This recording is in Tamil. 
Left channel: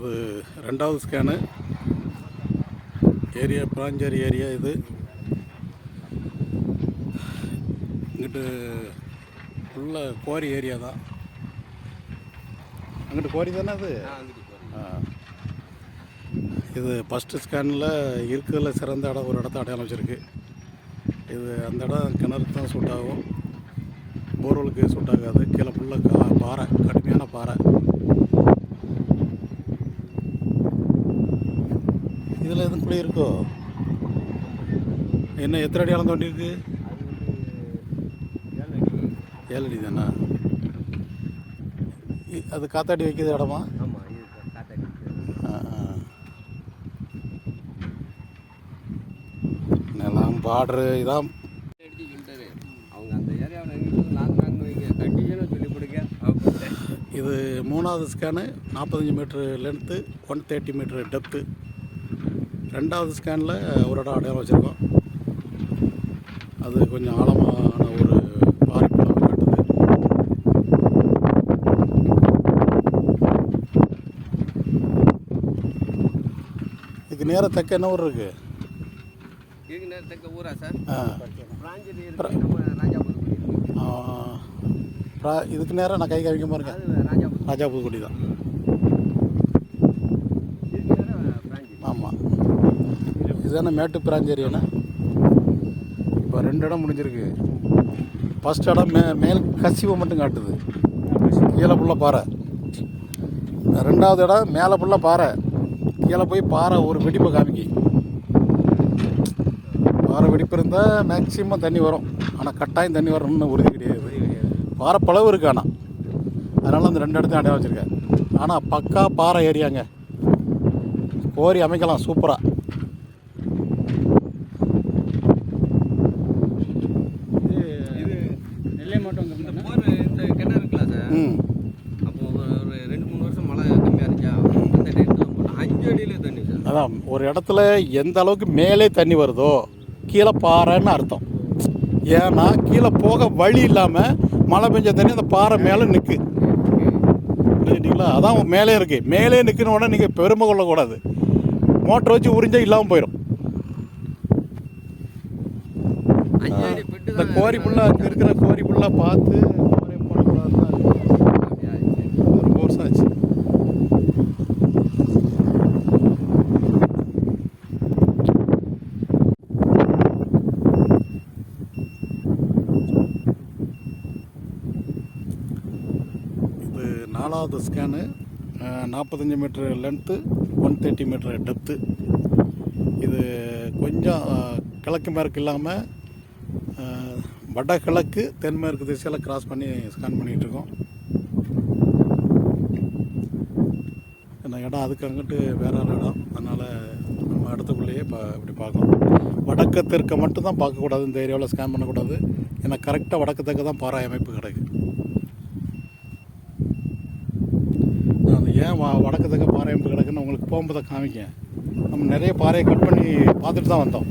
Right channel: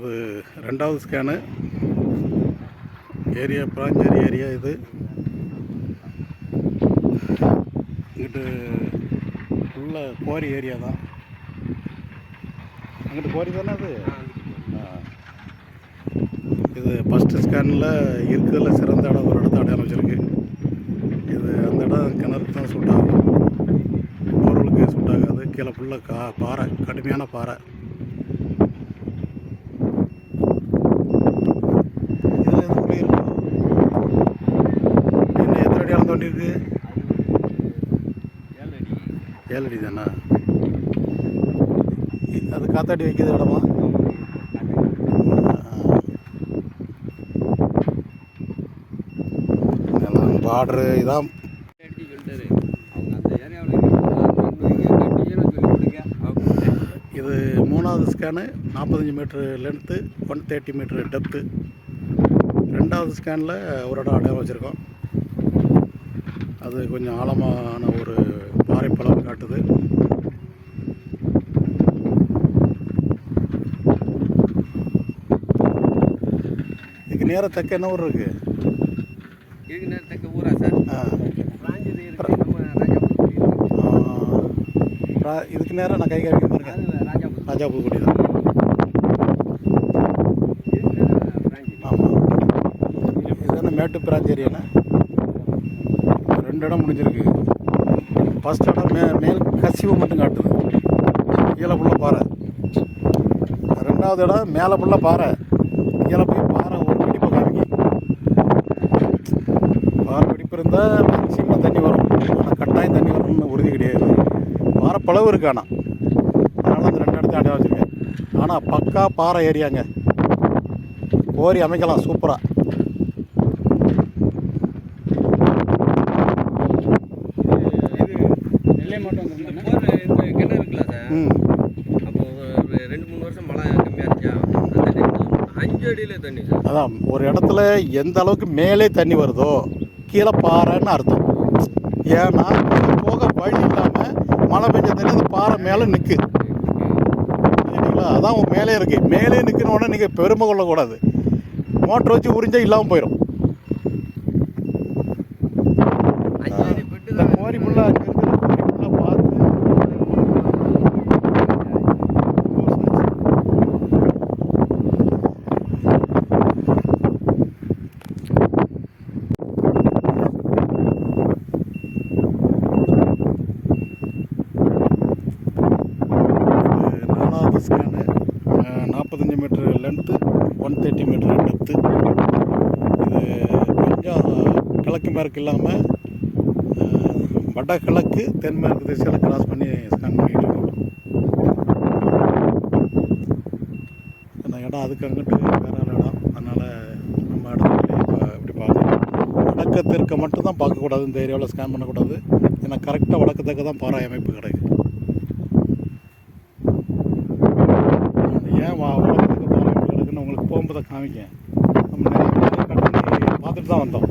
இது ரெண்டாவது ஸ்கேனு ஏரியா பிராஞ்சேரி ஏரியா இது. இங்கிட்டு உள்ள குவாரி ஏரியா தான். அங்கிட்டு குவாரி தானே அது? இது ஃபஸ்ட்டு ஸ்கேனில் இருக்கிறதுல சிறந்த இடம் ஒரு இடத்த அடையாளம் வச்சுருக்கு. இது அந்த இடம் கிணறுக்கு தான் சூட் ஆகும். பொருளுக்கு சூட் ஆகாது. கீழே ஃபுல்லாக கா பாறை கடுமையான பாறை இதில் எது குழி இருக்கோ என்ன எத்தனை ஏழடி அளந்து இருக்கு ஏழு அடி அது காத்தாடி வைக்கிறது இடமா? நிலம் பார்டரு இதான். அவங்க அந்த ஏரியாவில் இது மூணாவது ஸ்கேனு நாற்பத்தஞ்சு metre length one thirty metre depth ரெண்டாவது ஸ்கேனில் ஒரு இடம் அடையாளம் வச்சுருக்கோம். அது கொஞ்சம் ஆழமான ஒரு பாறைப்பளவு காட்டுது. இதுக்கு நேராக தெக்க என்ன ஊர் இருக்கு? இதுக்கு நேராக நான் கை காமிக்காம இருக்கேன் ராஜா புதுக்குடி தான். நேரம் ஆமாம் இதுதானே மேட்டு பிராஞ்ச் ஏரியாண்ணே ரெண்டு இடம் முடிஞ்சிருக்கு. ஃபஸ்ட் இடம் மே மேல் கசிவு மட்டும் காட்டுது. கீழே புள்ள பாறை. ரெண்டாவது இடம் மேலே புள்ள பாறை. கீழே போய் பாறை ஒரு வெடிப்பை காமிக்கி பாறை வெடிப்பு இருந்தால் மேக்ஸிமம் தண்ணி வரும். ஆனால் கட்டாயம் தண்ணி வரணும்னு உறுதி கிடையாது. பாறை பளவு இருக்கு ஆனால் அதனால் அந்த ரெண்டு இடத்தையும் அடையாளம் வச்சுருக்கேன். ஆனால் பக்கா பாறை ஏரியாங்க. கோரி அமைக்கலாம் சூப்பராக இது நெல்லை மாவட்டம் இந்த போர் இந்த கிணறு இருக்குல்ல சார் ம். அப்போ ஒரு ரெண்டு மூணு வருஷம் மழை கம்மியாக இருந்துச்சா? அஞ்சு அடியில் தண்ணி சார். அதான் ஒரு இடத்துல எந்த அளவுக்கு மேலே தண்ணி வருதோ கீழே பாறைன்னு அர்த்தம். ஏன்னா கீழே போக வழி இல்லாமல் மழை பெஞ்ச தண்ணி அந்த பாறை மேலே நிற்கு புரிஞ்சுட்டீங்களா? அதான் மேலே இருக்கு. மேலே நிற்கணும் உடனே நீங்கள் பெருமை கொள்ளக்கூடாது. மோட்டர் வச்சு உறிஞ்சா இல்லாமல் போயிடும் இந்த கோரி ஃபுல்லாக அங்கே இருக்கிற கோரி ஃபுல்லாக பார்த்து நாலாவது ஸ்கேனு நாற்பத்தஞ்சு metre length one thirty metre depth இது கொஞ்சம் கிழக்கு மேற்கு இல்லாமல் வடகிழக்கு தென்மேற்கு திசையில் கிராஸ் பண்ணி ஸ்கேன் பண்ணிகிட்டு இருக்கோம். இந்த இடம் அதுக்கு அங்கிட்டு வேற ஒரு இடம். அதனால் நம்ம இடத்துல இப்போ இப்படி பார்க்கணும் வடக்கு தெற்க மட்டும் தான் பார்க்கக்கூடாது. இந்த ஏரியாவில் ஸ்கேன் பண்ணக்கூடாது. ஏன்னா கரெக்டாக வடக்கு தெற்க தான் பாறை அமைப்பு கிடைக்கு. அது ஏன் வா வடக்கு தெற்க பாறை அமைப்பு கிடக்குன்னு உங்களுக்கு போகும்போது காமிக்கேன். நம்ம நிறைய பாறையை கட் பண்ணி பார்த்துட்டு தான் வந்தோம்.